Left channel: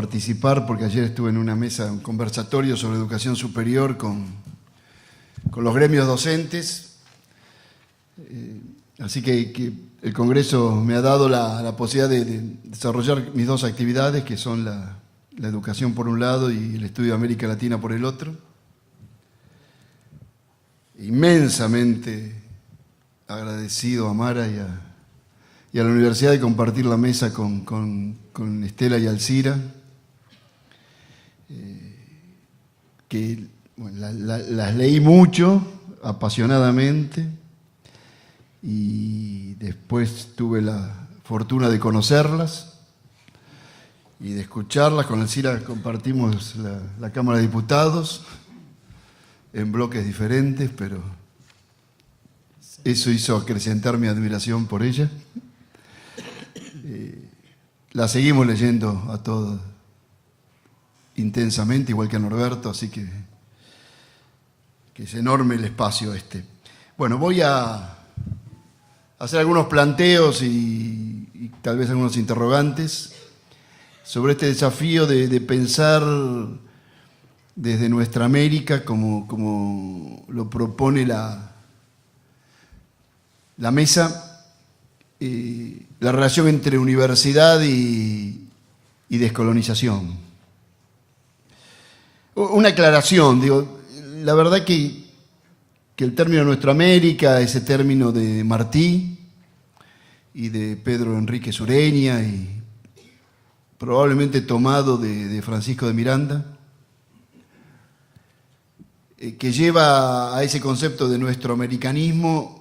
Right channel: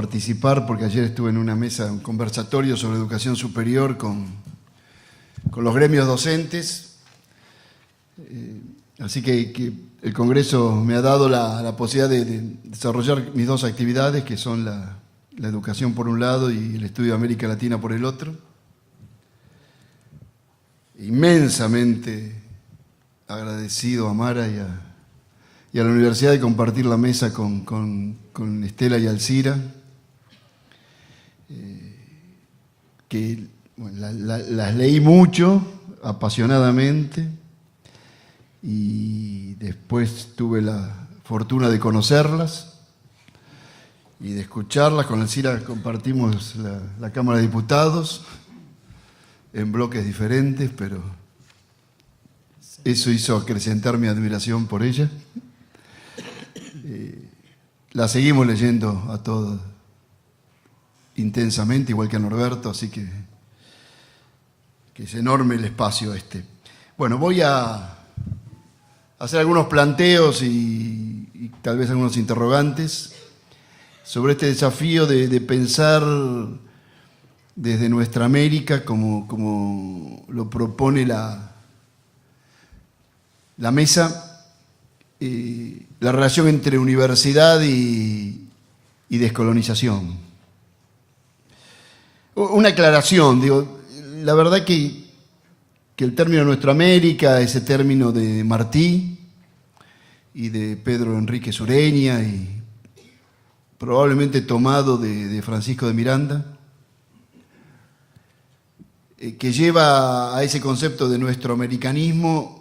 participar, porque ayer estuve en una mesa, un conversatorio sobre educación superior con los gremios docentes. Así que el Congreso me ha dado la posibilidad de desarrollar mis dos actividades, que son la educación por un lado y el estudio de América Latina por el otro. Inmensamente agradecido a Mara y a la universidad de compartir la mesa con Estela y Alcira, que bueno, las leí mucho, apasionadamente, y después tuve la fortuna de conocerlas y de escucharlas. Con Alcira compartimos la Cámara de Diputados en bloques diferentes, pero eso hizo acrecentar mi admiración por ella. La seguimos leyendo a todos intensamente, igual que a Norberto, así que es enorme el espacio este. Bueno, voy a hacer algunos planteos y tal vez algunos interrogantes sobre este desafío de pensar desde nuestra América, como lo propone la mesa, la relación entre universidad y descolonización. Una aclaración, digo, la verdad que el término Nuestra América, ese término de Martí y de Pedro Enrique Sureña, y probablemente tomado de Francisco de Miranda, que lleva a ese concepto de nuestro americanismo,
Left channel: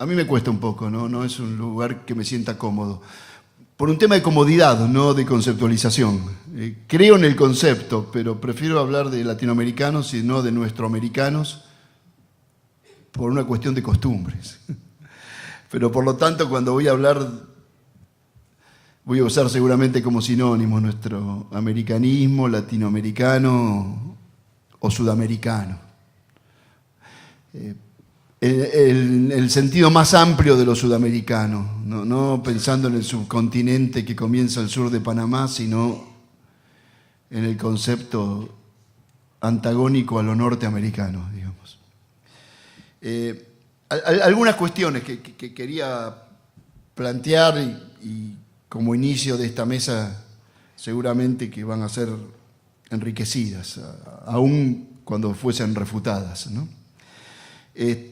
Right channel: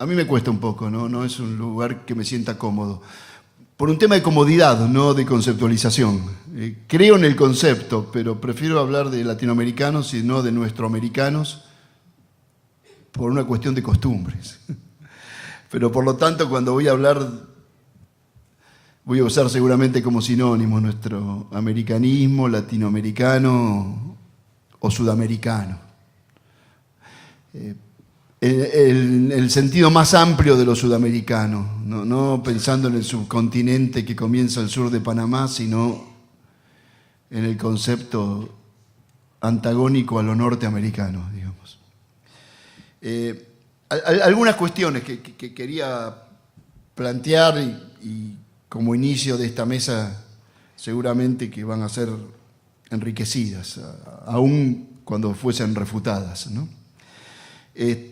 a mí me cuesta un poco, no es un lugar que me sienta cómodo. Por un tema de comodidad, no de conceptualización. Creo en el concepto, pero prefiero hablar de latinoamericanos y no de nuestroamericanos por una cuestión de costumbres. Pero por lo tanto, cuando voy a hablar, voy a usar seguramente como sinónimo nuestro americanismo, latinoamericano o sudamericano. El sentido más amplio de lo sudamericano, no pensando en el subcontinente que comienza al sur de Panamá, sino en el concepto antagónico a lo norteamericano, digamos. Algunas cuestiones que quería plantear y como inicio de esta mesa seguramente que van a ser enriquecidas, aun cuando fuesen refutadas, ¿no? En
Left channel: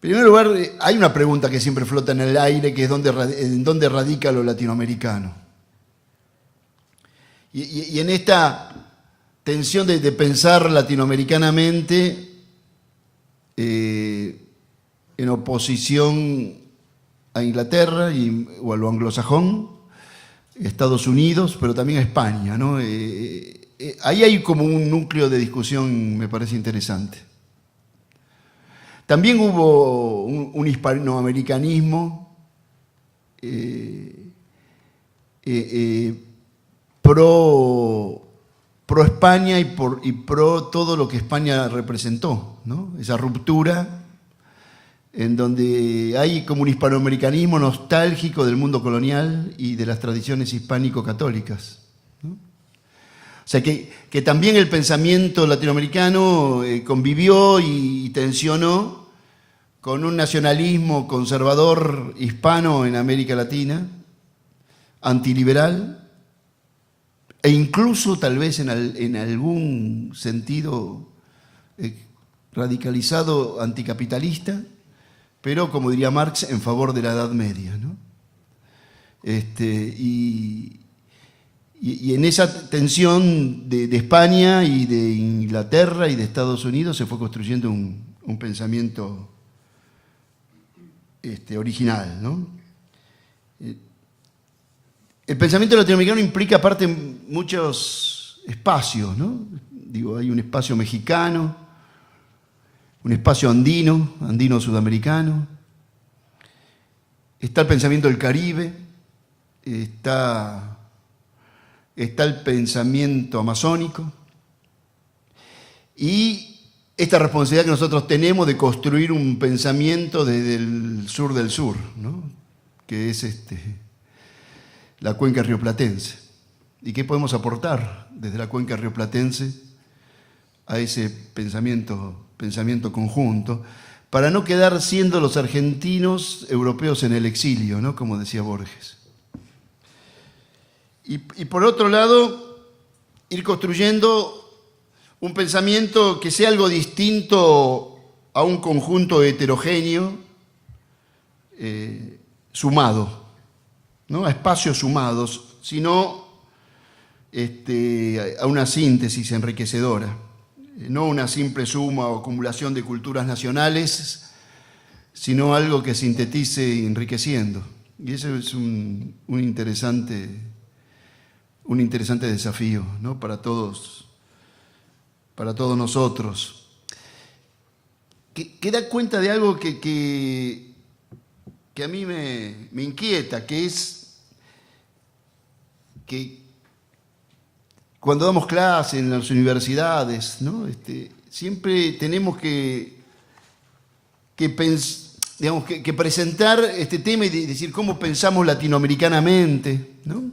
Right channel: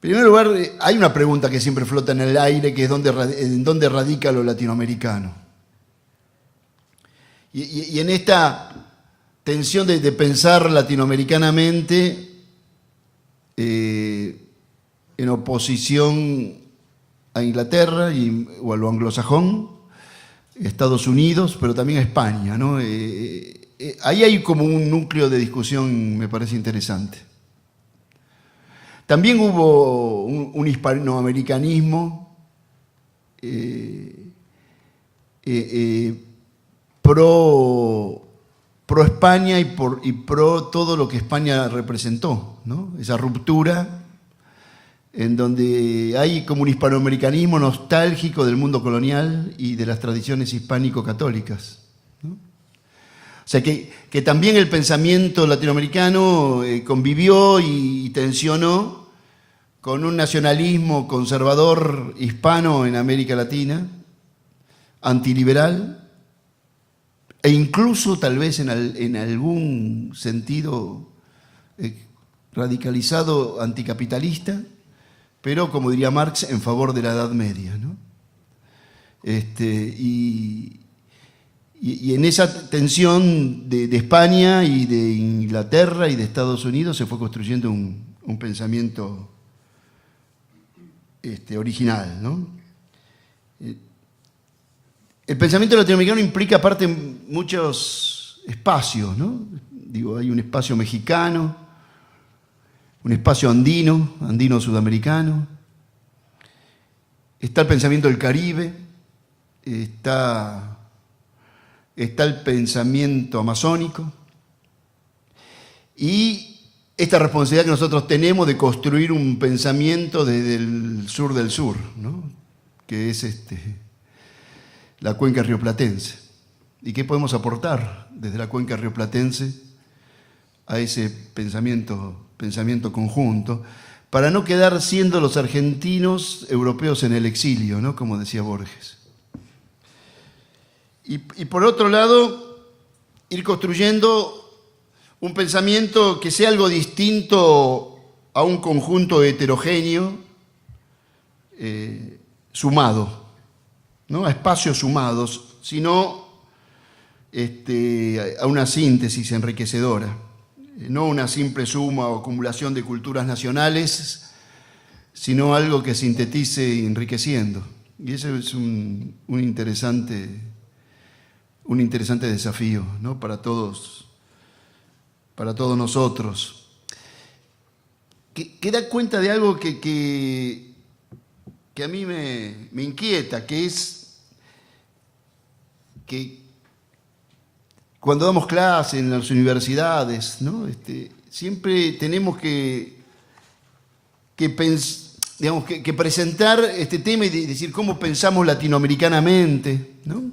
primer lugar, hay una pregunta que siempre flota en el aire, que es ¿en dónde radica lo latinoamericano? Y en esta tensión de pensar latinoamericanamente en oposición a Inglaterra o a lo anglosajón, Estados Unidos, pero también a España, ¿no? Ahí hay como un núcleo de discusión, me parece interesante. También hubo un hispanoamericanismo pro España y pro todo lo que España representó, ¿no? Esa ruptura en donde hay como un hispanoamericanismo nostálgico del mundo colonial y de las tradiciones hispánico-católicas, ¿no? O sea que también el pensamiento latinoamericano convivió y tensionó con un nacionalismo conservador hispano en América Latina, antiliberal, e incluso tal vez en algún sentido radicalizado anticapitalista, pero como diría Marx, en favor de la Edad Media, ¿no? Y en esa tensión de España y de Inglaterra y de Estados Unidos se fue construyendo un pensamiento original, ¿no? El pensamiento latinoamericano implica aparte muchos espacios, ¿no? Digo, hay un espacio mexicano, un espacio andino sudamericano, está el pensamiento del Caribe, está el pensamiento amazónico y esta responsabilidad que nosotros tenemos de construir un pensamiento desde el sur del sur, ¿no? Que es la cuenca rioplatense. y qué podemos aportar desde la cuenca rioplatense a ese pensamiento conjunto, para no quedar siendo los argentinos europeos en el exilio, ¿no? Como decía Borges. Y por otro lado, ir construyendo un pensamiento que sea algo distinto a un conjunto heterogéneo, sumado, ¿no? A espacios sumados, sino a una síntesis enriquecedora, no una simple suma o acumulación de culturas nacionales, sino algo que sintetice enriqueciendo. Y eso es un interesante desafío, ¿no? Para todos nosotros. Que da cuenta de algo que a mí me inquieta, que es que cuando damos clases en las universidades, ¿no? Siempre tenemos que presentar este tema y decir cómo pensamos latinoamericanamente, ¿no?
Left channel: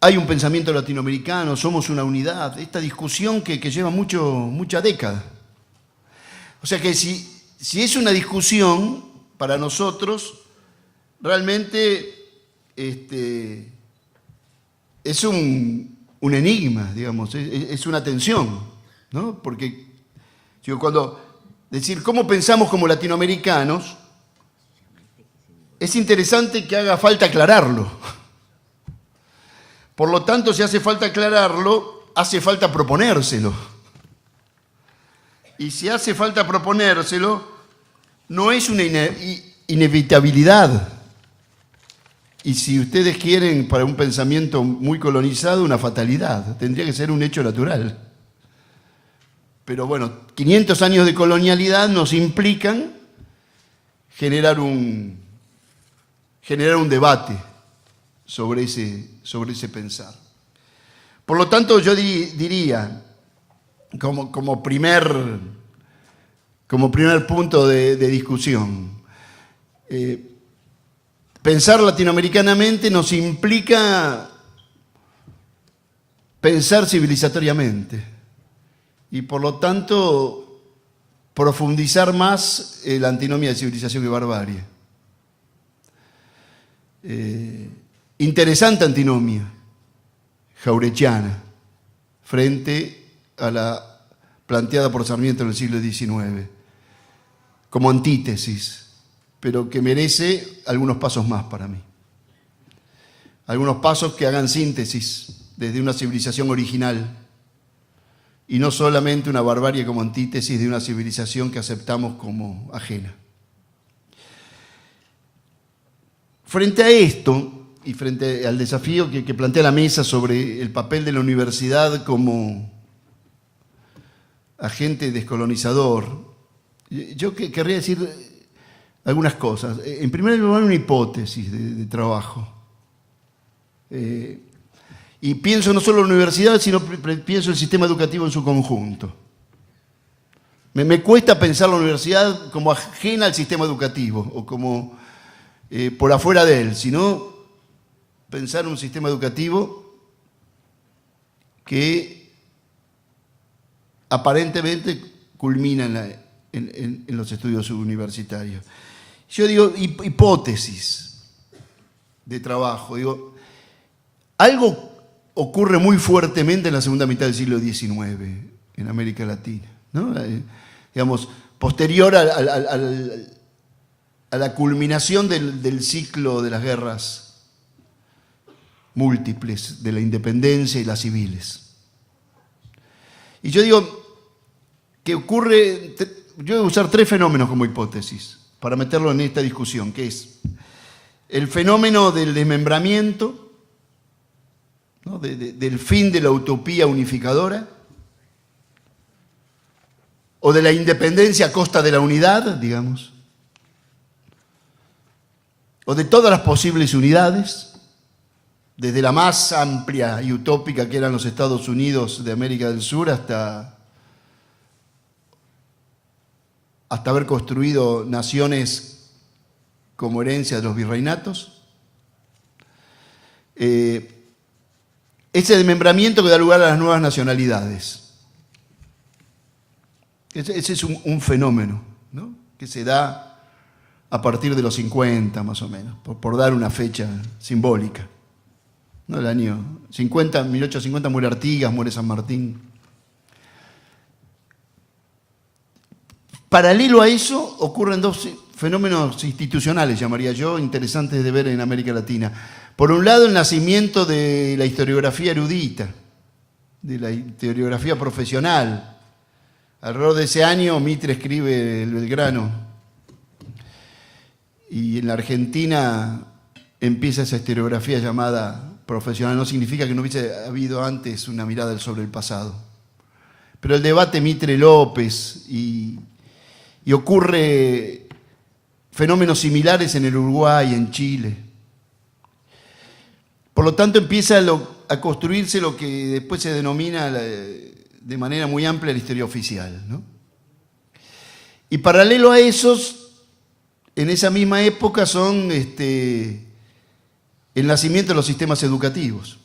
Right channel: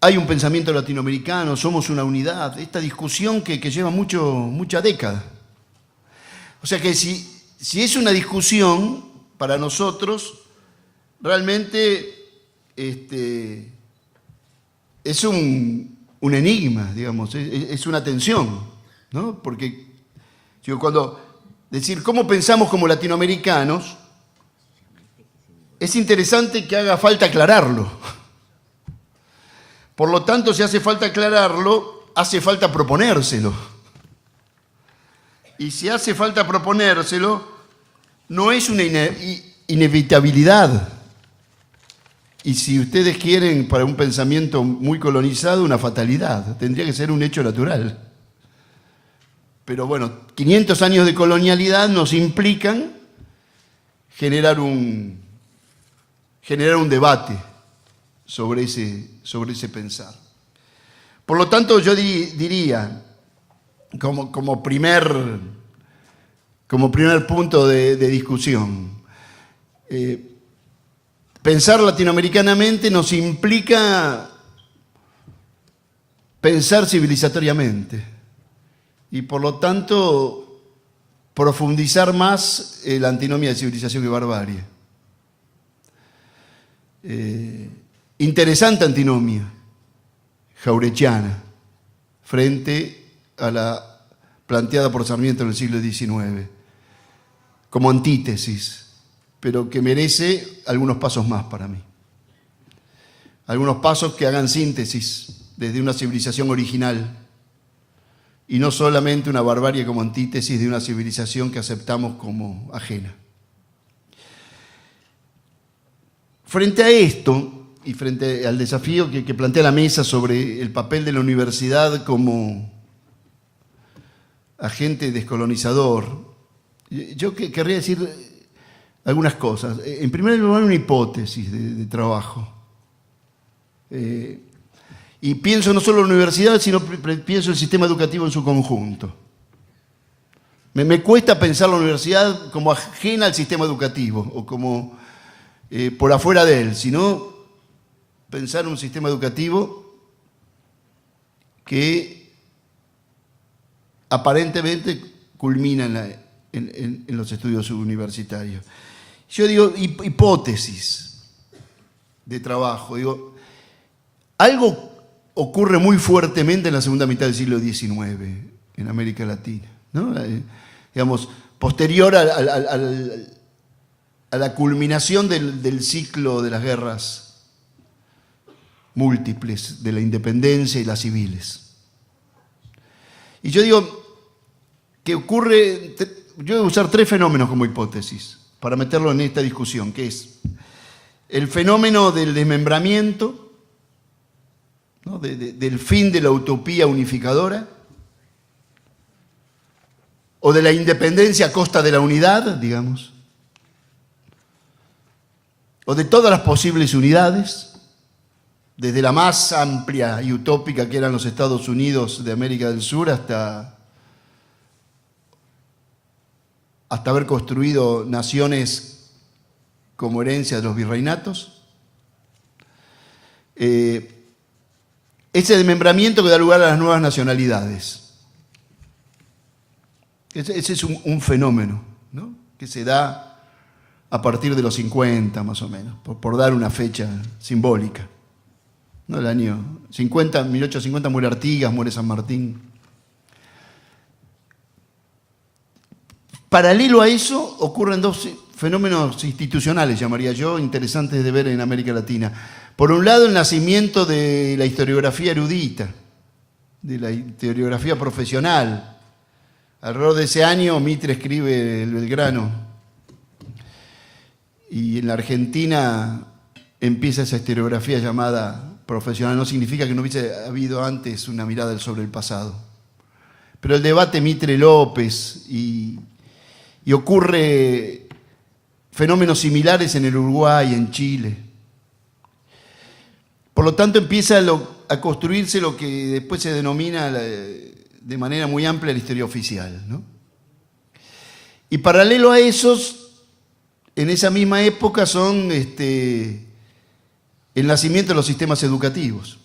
Hay un pensamiento latinoamericano, somos una unidad, esta discusión que lleva mucha década. O sea que si es una discusión para nosotros, realmente es un enigma, digamos, es una tensión, ¿no? Porque cuando decir cómo pensamos como latinoamericanos, es interesante que haga falta aclararlo. Por lo tanto, si hace falta aclararlo, hace falta proponérselo. Y si hace falta proponérselo, no es una inevitabilidad. Y si ustedes quieren, para un pensamiento muy colonizado, una fatalidad. Tendría que ser un hecho natural. Pero bueno, 500 años de colonialidad nos implican generar un debate sobre ese pensar. Por lo tanto, yo diría, como primer punto de discusión, pensar latinoamericanamente nos implica pensar civilizatoriamente y, por lo tanto, profundizar más la antinomia de civilización y barbarie. Interesante antinomia jaurechiana frente a la planteada por Sarmiento en el siglo XIX como antítesis, pero que merece algunos pasos más para mí. Algunos pasos que hagan síntesis desde una civilización original y no solamente una barbarie como antítesis de una civilización que aceptamos como ajena. Frente a esto, y frente al desafío que plantea la mesa sobre el papel de la universidad como agente descolonizador, yo querría decir algunas cosas. En primer lugar, una hipótesis de trabajo. Y pienso no solo en la universidad, sino pienso en el sistema educativo en su conjunto. Me cuesta pensar la universidad como ajena al sistema educativo o como por afuera de él, sino pensar un sistema educativo que aparentemente culmina en los estudios universitarios. Yo digo hipótesis de trabajo. Digo, algo ocurre muy fuertemente en la segunda mitad del siglo XIX en América Latina, ¿no? Digamos, posterior a la culminación del ciclo de las guerras múltiples, de la independencia y las civiles. Y yo digo que ocurre, yo debo usar 3 fenómenos como hipótesis para meterlo en esta discusión, que es el fenómeno del desmembramiento, ¿no? Del fin de la utopía unificadora, o de la independencia a costa de la unidad, digamos, o de todas las posibles unidades, desde la más amplia y utópica que eran los Estados Unidos de América del Sur hasta haber construido naciones como herencia de los virreinatos, ese desmembramiento que da lugar a las nuevas nacionalidades. Ese es un fenómeno, ¿no?, que se da a partir de los 50 más o menos, por dar una fecha simbólica, ¿no? El año 50, 1850 muere Artigas, muere San Martín. Paralelo a eso ocurren dos fenómenos institucionales, llamaría yo, interesantes de ver en América Latina. Por un lado, el nacimiento de la historiografía erudita, de la historiografía profesional. Alrededor de ese año, Mitre escribe El Belgrano, y en la Argentina empieza esa historiografía llamada profesional. No significa que no hubiese habido antes una mirada sobre el pasado. Pero el debate Mitre-López y ocurre fenómenos similares en el Uruguay, en Chile. Por lo tanto, empieza a construirse lo que después se denomina de manera muy amplia la historia oficial, ¿no? Y paralelo a esos, en esa misma época son el nacimiento de los sistemas educativos,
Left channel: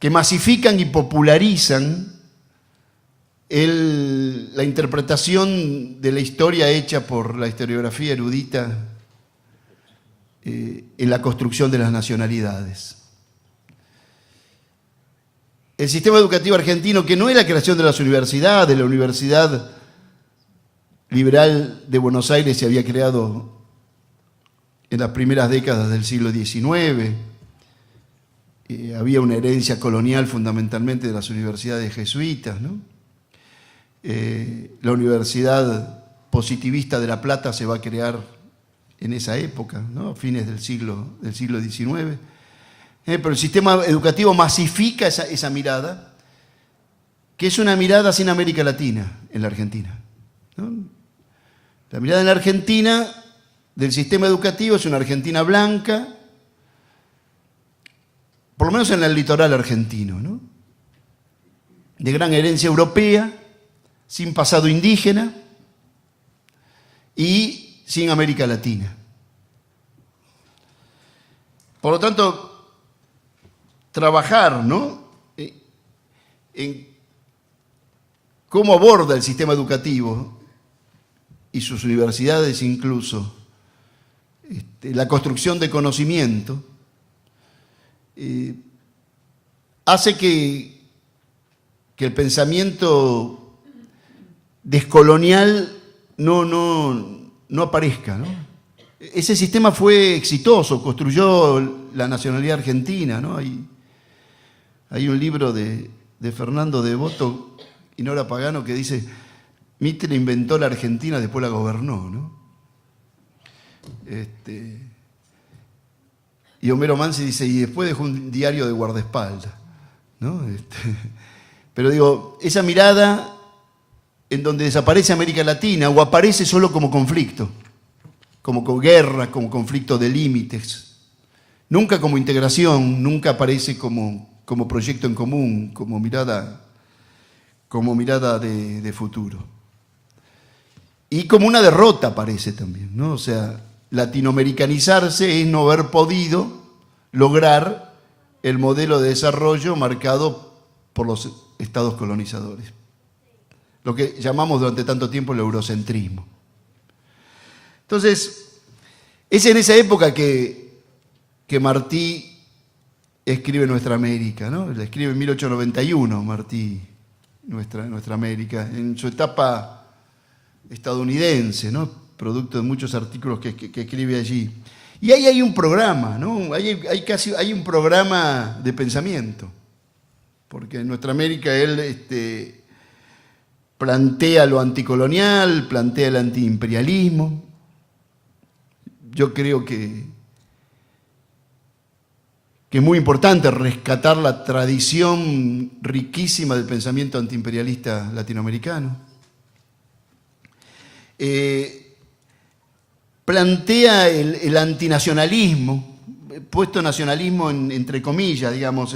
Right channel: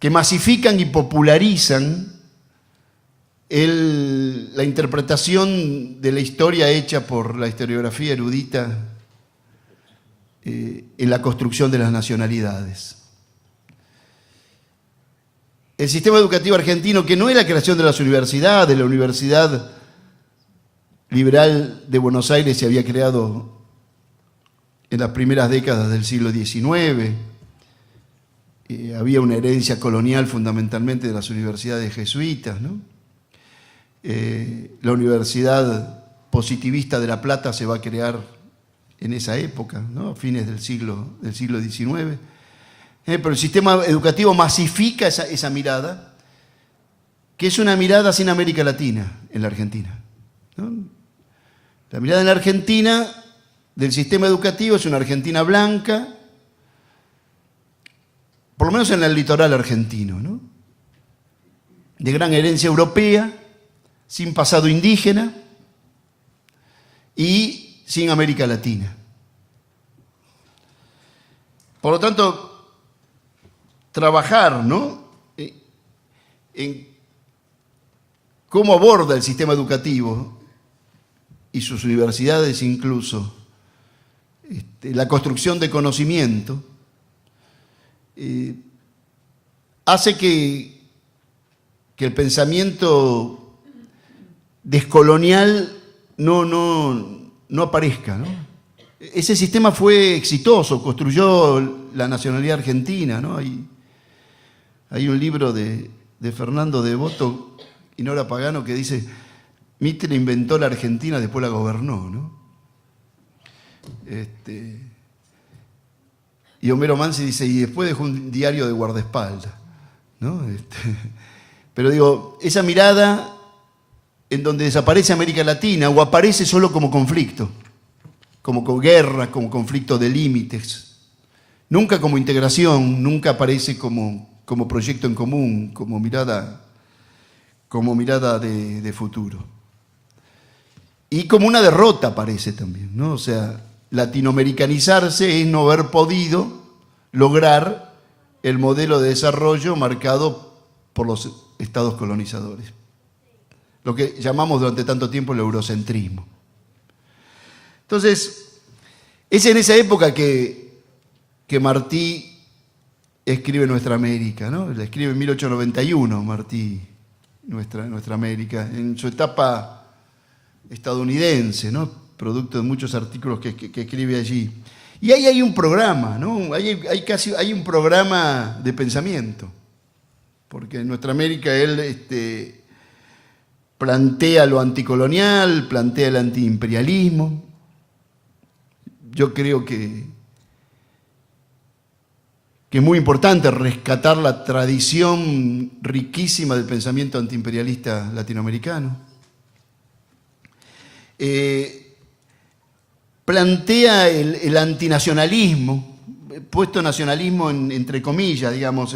que masifican y popularizan la interpretación de la historia hecha por la historiografía erudita en la construcción de las nacionalidades. El sistema educativo argentino, que no es la creación de las universidades, la Universidad Liberal de Buenos Aires se había creado en las primeras décadas del siglo XIX, había una herencia colonial fundamentalmente de las universidades jesuitas, ¿no? La Universidad Positivista de La Plata se va a crear en esa época, ¿no?, a fines del siglo XIX. Pero el sistema educativo masifica esa mirada, que es una mirada sin América Latina en la Argentina, ¿no? La mirada en la Argentina del sistema educativo es una Argentina blanca, por lo menos en el litoral argentino, ¿no?, de gran herencia europea, sin pasado indígena y sin América Latina. Por lo tanto, trabajar, ¿no?, en cómo aborda el sistema educativo y sus universidades incluso la construcción de conocimiento, hace que el pensamiento descolonial no aparezca, ¿no? Ese sistema fue exitoso, construyó la nacionalidad argentina, ¿no? Hay un libro de Fernando Devoto y Nora Pagano que dice: Mitre inventó la Argentina, después la gobernó, ¿no? Y Homero Mansi dice: y después dejó un diario de guardaespaldas, ¿no? Pero digo, esa mirada en donde desaparece América Latina o aparece solo como conflicto, como guerra, como conflicto de límites, nunca como integración, nunca aparece como proyecto en común, como mirada de futuro. Y como una derrota aparece también, ¿no? O sea, latinoamericanizarse es no haber podido lograr el modelo de desarrollo marcado por los estados colonizadores, lo que llamamos durante tanto tiempo el eurocentrismo. Entonces, es en esa época que Martí escribe Nuestra América, ¿no? La escribe en 1891, Martí, Nuestra América, en su etapa estadounidense, ¿no?, producto de muchos artículos que escribe allí. Y ahí hay un programa, ¿no? Hay un programa de pensamiento, porque en Nuestra América él plantea lo anticolonial, plantea el antiimperialismo. Yo creo que es muy importante rescatar la tradición riquísima del pensamiento antiimperialista latinoamericano. Plantea el antinacionalismo, puesto nacionalismo entre comillas, digamos,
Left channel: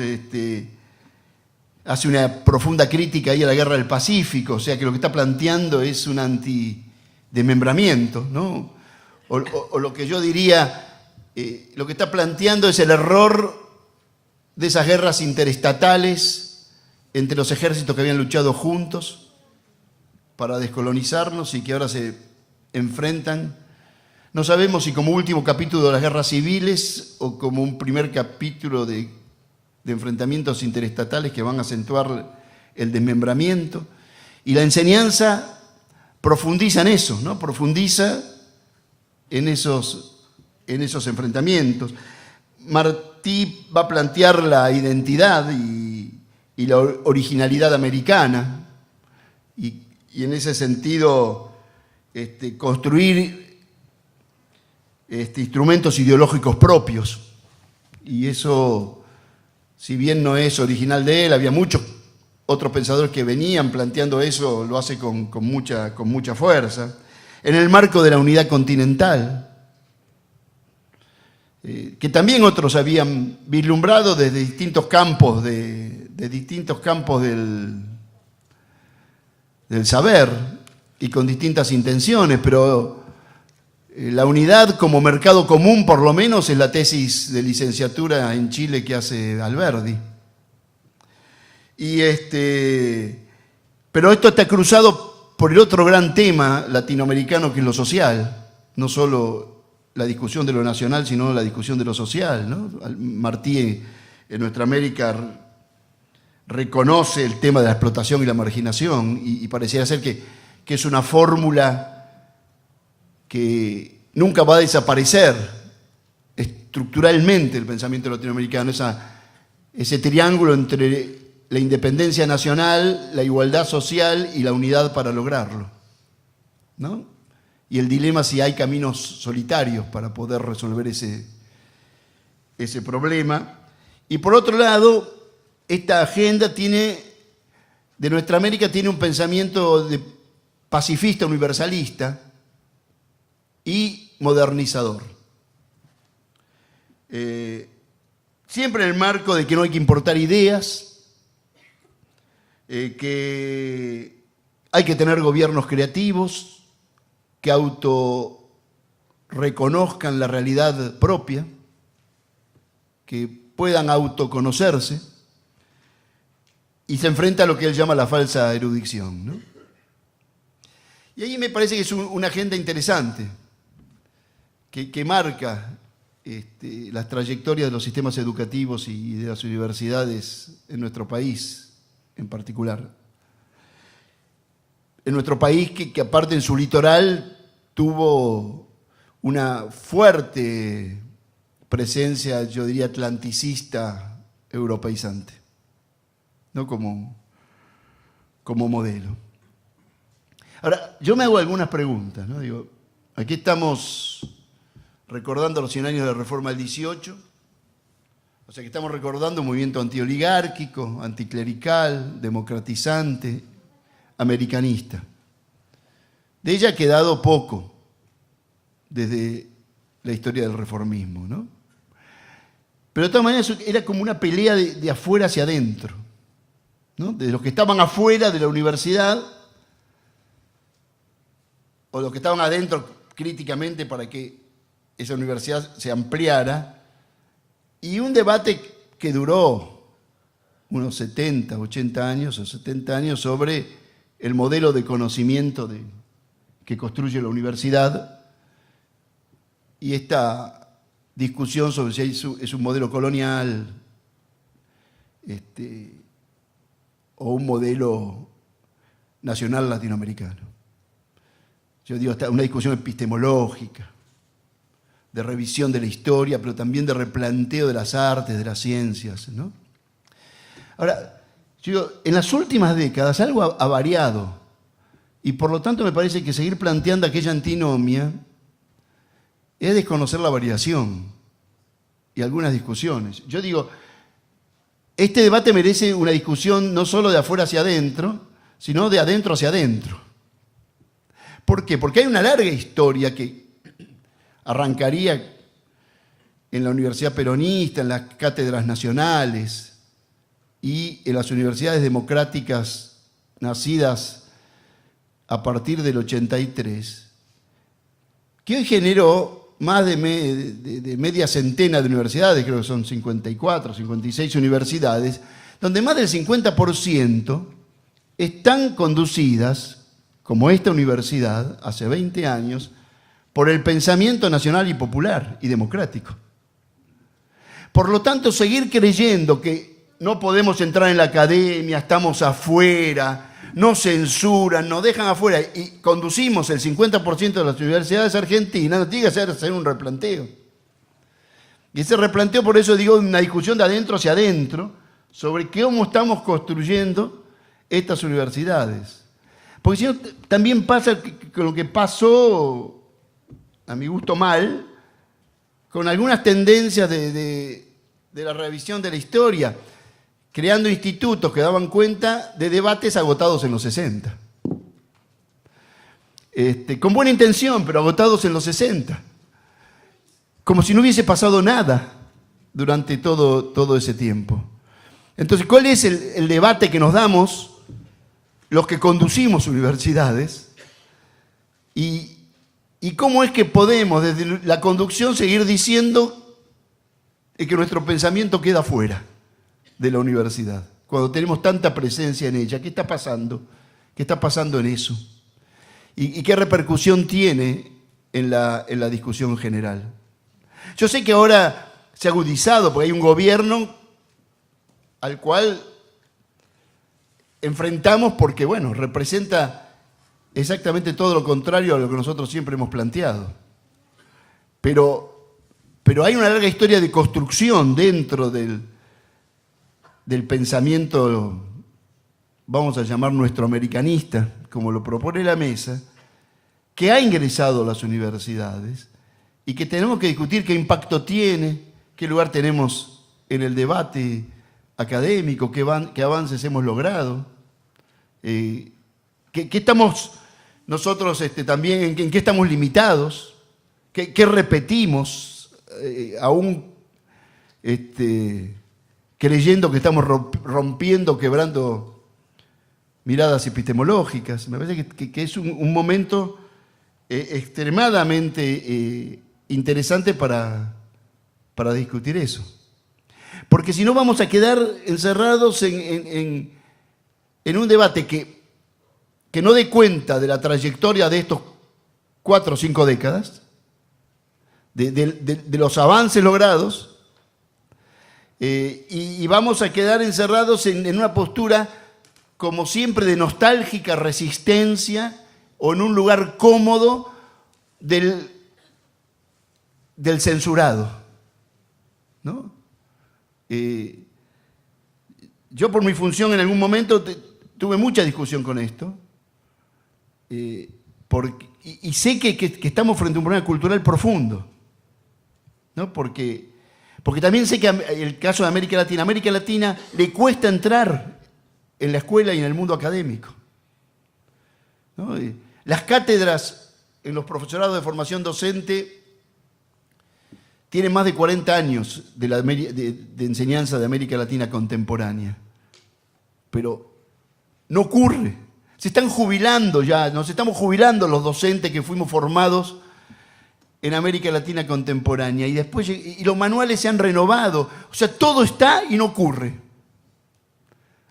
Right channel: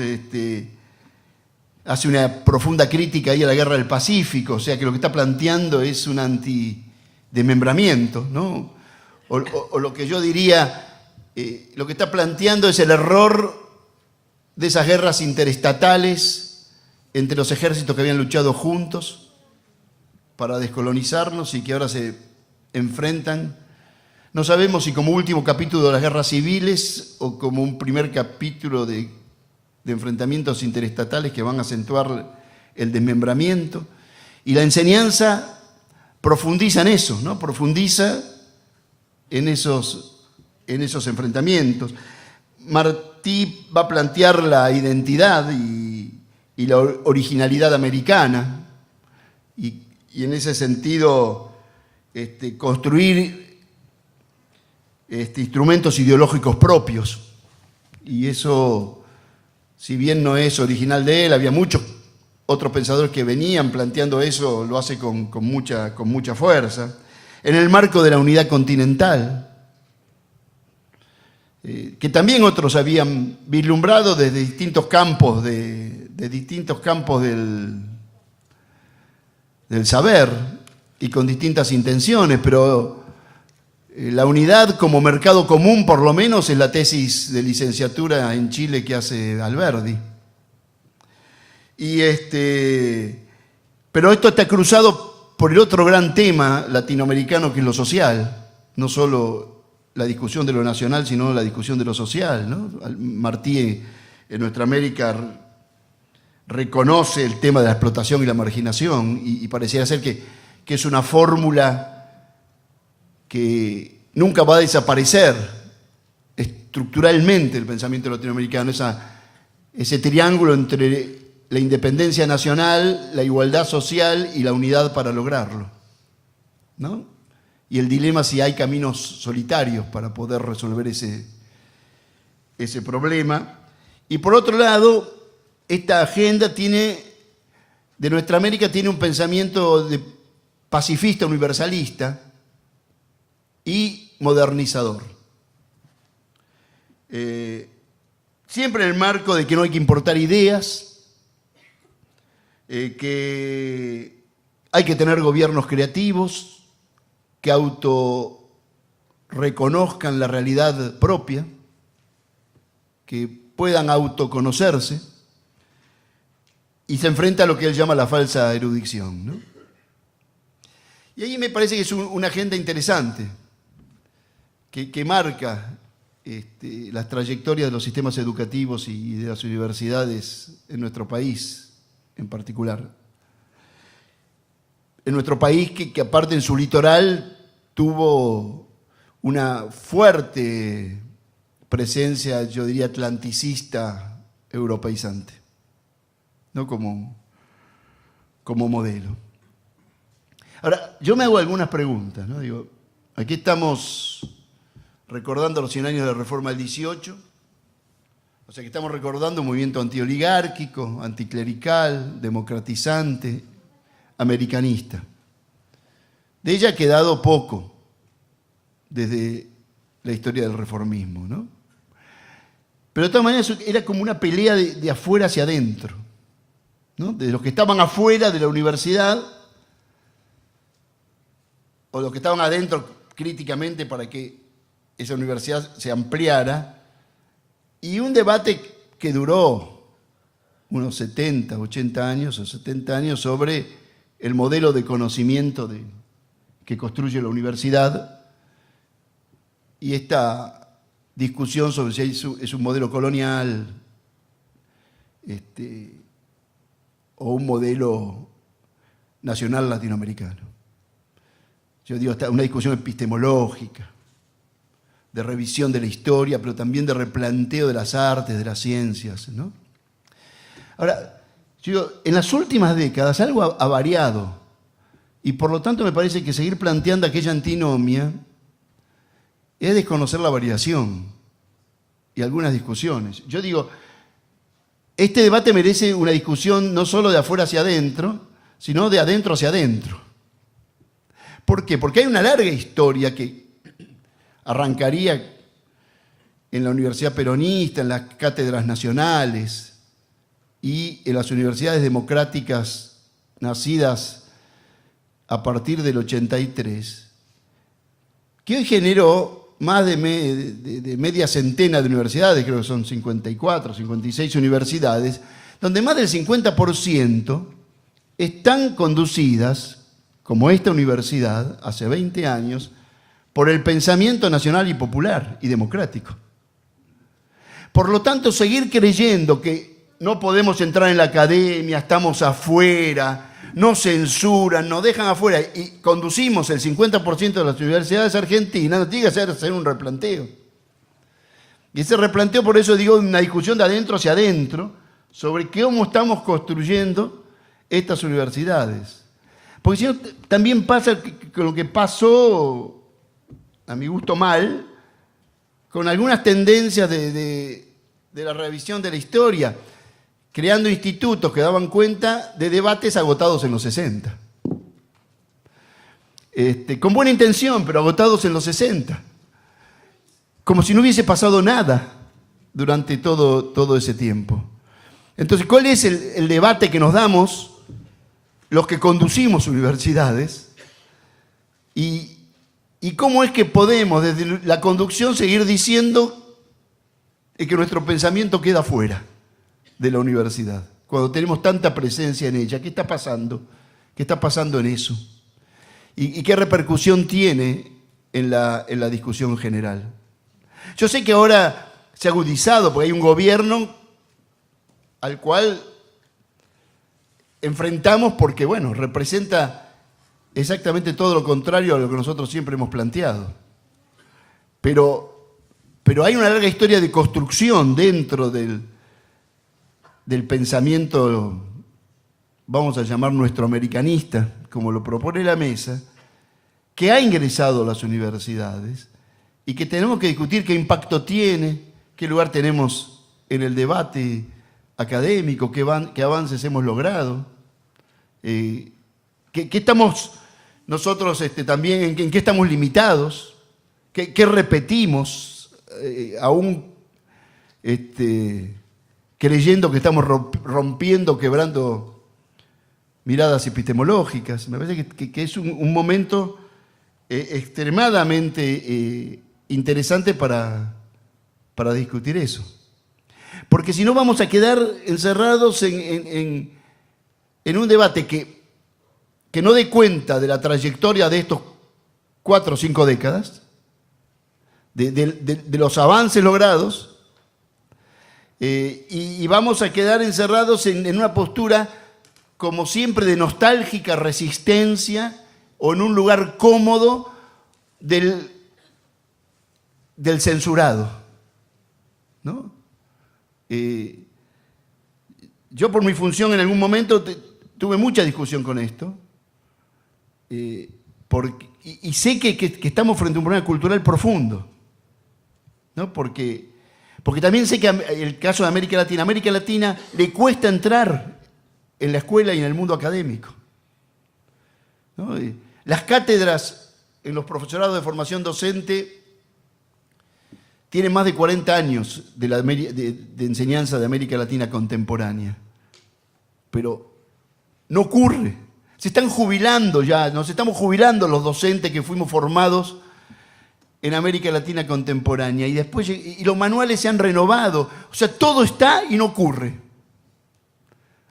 hace una profunda crítica ahí a la guerra del Pacífico, o sea que lo que está planteando es un antidesmembramiento, ¿no? O lo que yo diría lo que está planteando es el error de esas guerras interestatales entre los ejércitos que habían luchado juntos para descolonizarnos y que ahora se enfrentan. No sabemos si como último capítulo de las guerras civiles o como un primer capítulo de enfrentamientos interestatales que van a acentuar el desmembramiento. Y la enseñanza profundiza en eso, ¿no? Profundiza en esos enfrentamientos. Martí va a plantear la identidad y la originalidad americana y en ese sentido construir instrumentos ideológicos propios. Y eso, si bien no es original de él, había muchos otros pensadores que venían planteando eso, lo hace con mucha fuerza. En el marco de la unidad continental, que también otros habían vislumbrado desde distintos campos del saber y con distintas intenciones, pero la unidad como mercado común, por lo menos, es la tesis de licenciatura en Chile que hace Alberdi. Pero esto está cruzado por el otro gran tema latinoamericano, que es lo social, no solo la discusión de lo nacional, sino la discusión de lo social, ¿no? Martí en Nuestra América reconoce el tema de la explotación y la marginación y pareciera ser que es una fórmula que nunca va a desaparecer estructuralmente el pensamiento latinoamericano, ese triángulo entre la independencia nacional, la igualdad social y la unidad para lograrlo, ¿no? Y el dilema si hay caminos solitarios para poder resolver ese problema. Y por otro lado, esta agenda de Nuestra América tiene un pensamiento pacifista, universalista y modernizador. Siempre en el marco de que no hay que importar ideas, que hay que tener gobiernos creativos, que autorreconozcan la realidad propia, que puedan autoconocerse, y se enfrenta a lo que él llama la falsa erudición, ¿no? Y ahí me parece que es una agenda interesante, que marca las trayectorias de los sistemas educativos y de las universidades en nuestro país en particular. En nuestro país que aparte en su litoral tuvo una fuerte presencia, yo diría, atlanticista, europeizante, ¿no? Como modelo. Ahora, yo me hago algunas preguntas, ¿no? Digo, aquí estamos recordando los 100 años de la Reforma del 18, o sea que estamos recordando un movimiento antioligárquico, anticlerical, democratizante, americanista. De ella ha quedado poco desde la historia del reformismo, ¿no? Pero de todas maneras era como una pelea de afuera hacia adentro, ¿no? De los que estaban afuera de la universidad o los que estaban adentro críticamente para que esa universidad se ampliara, y un debate que duró unos 70, 80 años o 70 años sobre el modelo de conocimiento que construye la universidad, y esta discusión sobre si es un modelo colonial o un modelo nacional latinoamericano. Yo digo, está una discusión epistemológica, de revisión de la historia, pero también de replanteo de las artes, de las ciencias, ¿no? Ahora, yo digo, en las últimas décadas algo ha variado, y por lo tanto me parece que seguir planteando aquella antinomia es desconocer la variación y algunas discusiones. Yo digo, este debate merece una discusión no solo de afuera hacia adentro, sino de adentro hacia adentro. ¿Por qué? Porque hay una larga historia que arrancaría en la Universidad Peronista, en las cátedras nacionales y en las universidades democráticas nacidas a partir del 83, que hoy generó más de media centena de universidades, creo que son 54, 56 universidades, donde más del 50% están conducidas, como esta universidad, hace 20 años, por el pensamiento nacional y popular y democrático. Por lo tanto, seguir creyendo que no podemos entrar en la academia, estamos afuera, nos censuran, nos dejan afuera y conducimos el 50% de las universidades argentinas, nos tiene que hacer un replanteo. Y ese replanteo, por eso digo, una discusión de adentro hacia adentro sobre cómo estamos construyendo estas universidades. Porque si no, también pasa con lo que pasó, a mi gusto mal, con algunas tendencias de la revisión de la historia, creando institutos que daban cuenta de debates agotados en los 60. Con buena intención, pero agotados en los 60. Como si no hubiese pasado nada durante todo ese tiempo. Entonces, ¿cuál es el debate que nos damos los que conducimos universidades? ¿Y cómo es que podemos, desde la conducción, seguir diciendo que nuestro pensamiento queda fuera de la universidad, cuando tenemos tanta presencia en ella? ¿Qué está pasando? ¿Qué está pasando en eso? ¿Y qué repercusión tiene en la discusión general? Yo sé que ahora se ha agudizado porque hay un gobierno al cual enfrentamos porque, bueno, representa exactamente todo lo contrario a lo que nosotros siempre hemos planteado. Pero hay una larga historia de construcción dentro del pensamiento, vamos a llamar nuestro americanista, como lo propone la mesa, que ha ingresado a las universidades y que tenemos que discutir qué impacto tiene, qué lugar tenemos en el debate académico, qué avances hemos logrado, qué estamos nosotros también, en qué estamos limitados, qué repetimos, aún creyendo que estamos rompiendo, quebrando miradas epistemológicas. Me parece que es un momento extremadamente interesante para discutir eso. Porque si no vamos a quedar encerrados en un debate que no dé cuenta de la trayectoria de estos 4 o 5 décadas, de los avances logrados, y vamos a quedar encerrados en una postura, como siempre, de nostálgica resistencia o en un lugar cómodo del censurado, ¿no? Yo, por mi función, en algún momento tuve mucha discusión con esto, y sé que estamos frente a un problema cultural profundo, ¿no? Porque también sé que el caso de América Latina le cuesta entrar en la escuela y en el mundo académico, ¿no? Las cátedras en los profesorados de formación docente tienen más de 40 años de enseñanza de América Latina contemporánea, pero no ocurre. Se están jubilando ya, nos estamos jubilando los docentes que fuimos formados en América Latina contemporánea, y después los manuales se han renovado. O sea, todo está y no ocurre.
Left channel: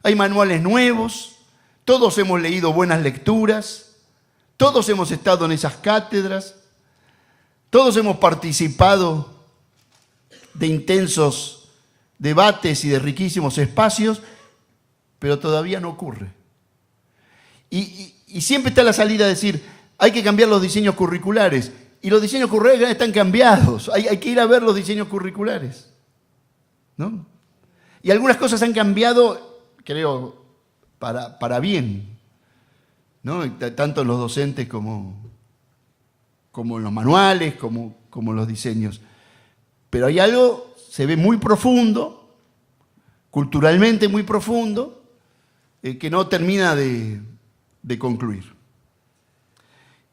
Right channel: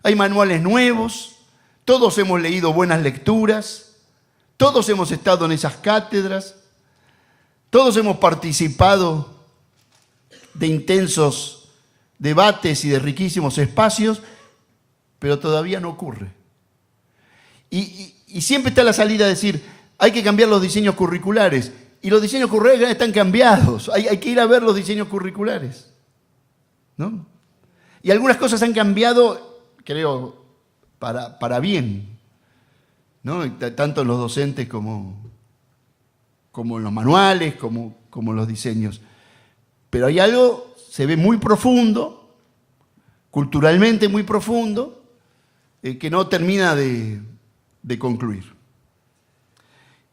Hay manuales nuevos, todos hemos leído buenas lecturas, todos hemos estado en esas cátedras, todos hemos participado de intensos debates y de riquísimos espacios, pero todavía no ocurre. Y siempre está la salida a decir, hay que cambiar los diseños curriculares. Y los diseños curriculares ya están cambiados. Hay que ir a ver los diseños curriculares, ¿no? Y algunas cosas han cambiado, creo, para bien, ¿no? Tanto en los docentes como en los manuales, como en los diseños. Pero hay algo, se ve muy profundo, culturalmente muy profundo, que no termina de concluir.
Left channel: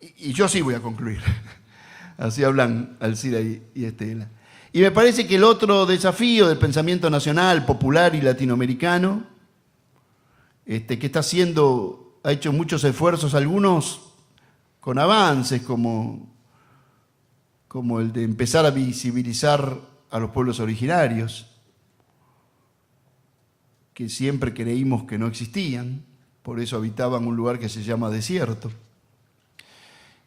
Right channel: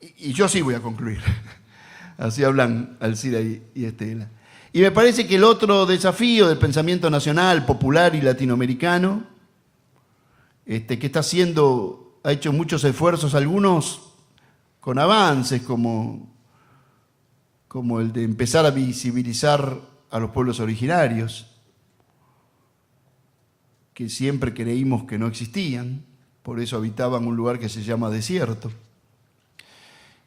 Y yo sí voy a concluir. Así hablan Alcira y Estela. Y me parece que el otro desafío del pensamiento nacional, popular y latinoamericano, que ha hecho muchos esfuerzos, algunos con avances, como como el de empezar a visibilizar a los pueblos originarios, que siempre creímos que no existían, por eso habitaban un lugar que se llama desierto,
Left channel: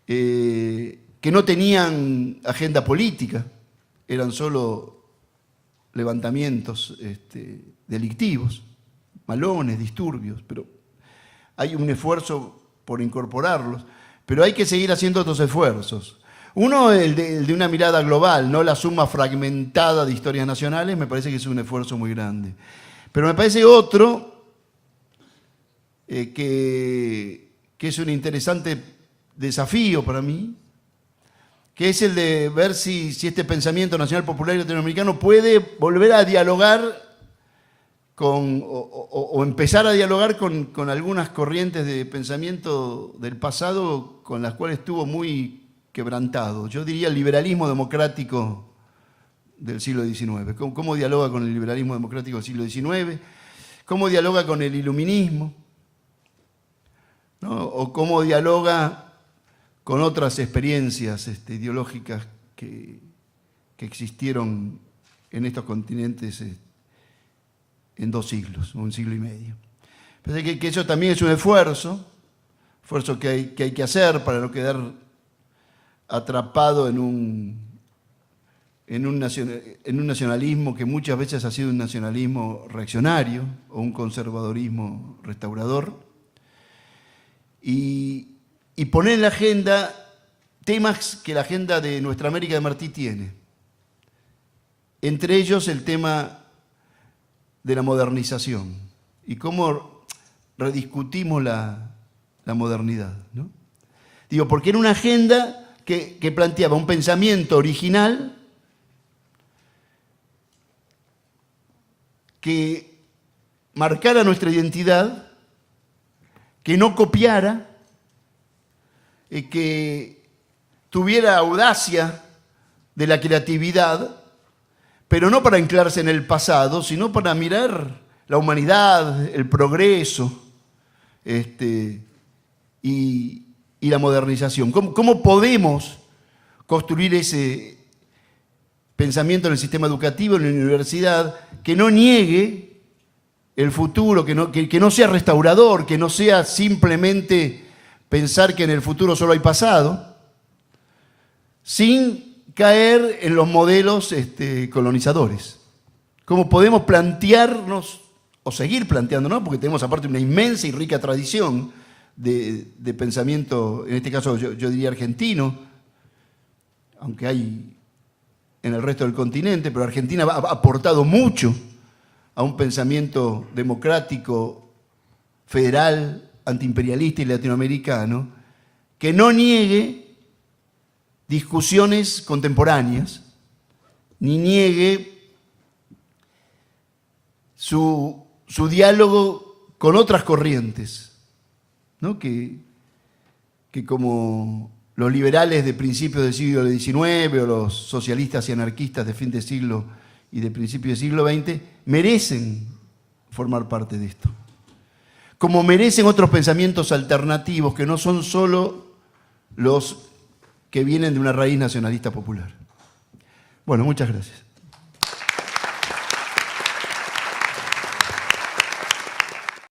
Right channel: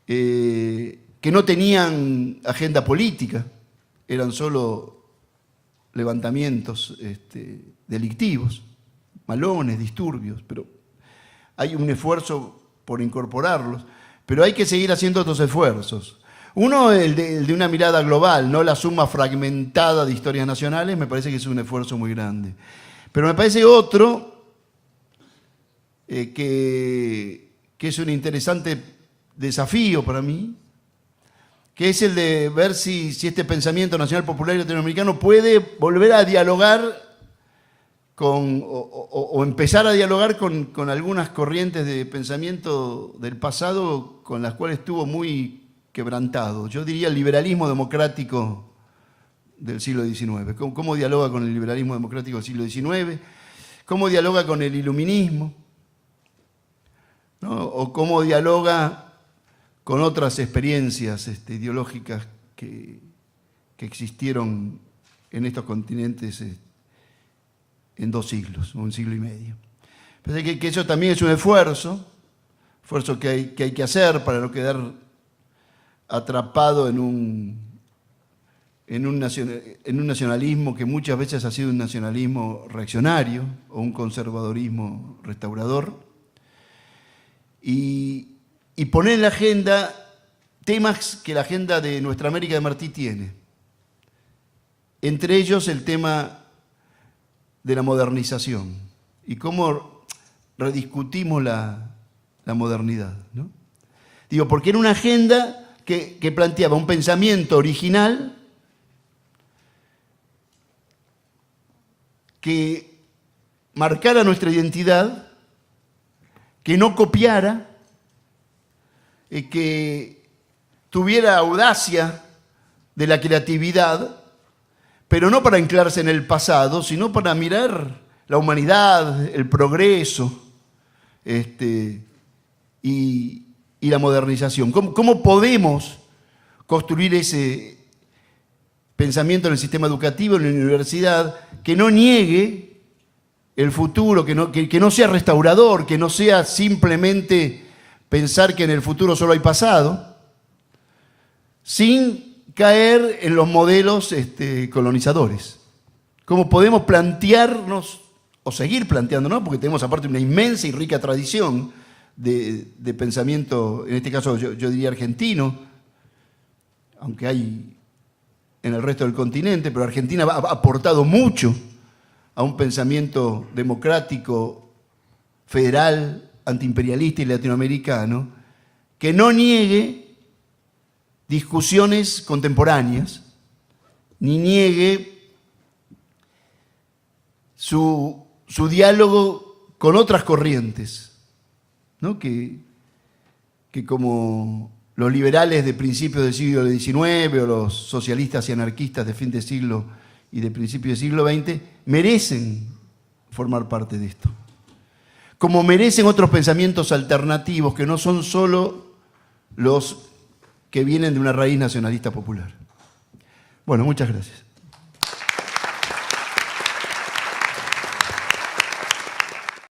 que no tenían agenda política, eran solo levantamientos delictivos, malones, disturbios, pero hay un esfuerzo por incorporarlos, pero hay que seguir haciendo otros esfuerzos. Uno, el de una mirada global, no la suma fragmentada de historias nacionales, me parece que es un esfuerzo muy grande. Pero me parece otro que es un interesante desafío para mí, que es el de ver si este pensamiento nacional popular y latinoamericano puede volver a dialogar o empezar a dialogar con algunas corrientes de pensamiento del pasado con las cuales estuvo muy quebrantado. Yo diría el liberalismo democrático del siglo XIX. ¿Cómo dialoga con el liberalismo democrático del siglo XIX? ¿Cómo dialoga con el iluminismo? ¿No? ¿O cómo dialoga con otras experiencias ideológicas que existieron en estos continentes en 2 siglos, o 1 siglo y medio? Pensé que eso también es un esfuerzo que hay que hacer para no quedar atrapado en un nacionalismo que muchas veces ha sido un nacionalismo reaccionario o un conservadorismo restaurador, y poner en la agenda temas que la agenda de Nuestra América de Martí tiene. Entre ellos el tema de la modernización y cómo rediscutimos la modernidad, ¿no? Digo, porque era una agenda que planteaba un pensamiento original que marcara nuestra identidad, que no copiara, que tuviera audacia de la creatividad, pero no para anclarse en el pasado, sino para mirar la humanidad, el progreso y la modernización. ¿Cómo podemos construir ese pensamiento en el sistema educativo, en la universidad, que no niegue el futuro, que no sea restaurador, que no sea simplemente pensar que en el futuro solo hay pasado, sin caer en los modelos colonizadores? ¿Cómo podemos plantearnos, o seguir planteándonos, porque tenemos aparte una inmensa y rica tradición de pensamiento, en este caso yo diría argentino, aunque hay en el resto del continente, pero Argentina ha aportado mucho a un pensamiento democrático, federal, antiimperialista y latinoamericano, que no niegue discusiones contemporáneas, ni niegue su diálogo con otras corrientes, ¿no? que como los liberales de principios del siglo XIX o los socialistas y anarquistas de fin de siglo y de principios del siglo XX merecen formar parte de esto. Como merecen otros pensamientos alternativos que no son solo los que vienen de una raíz nacionalista popular. Bueno, muchas gracias.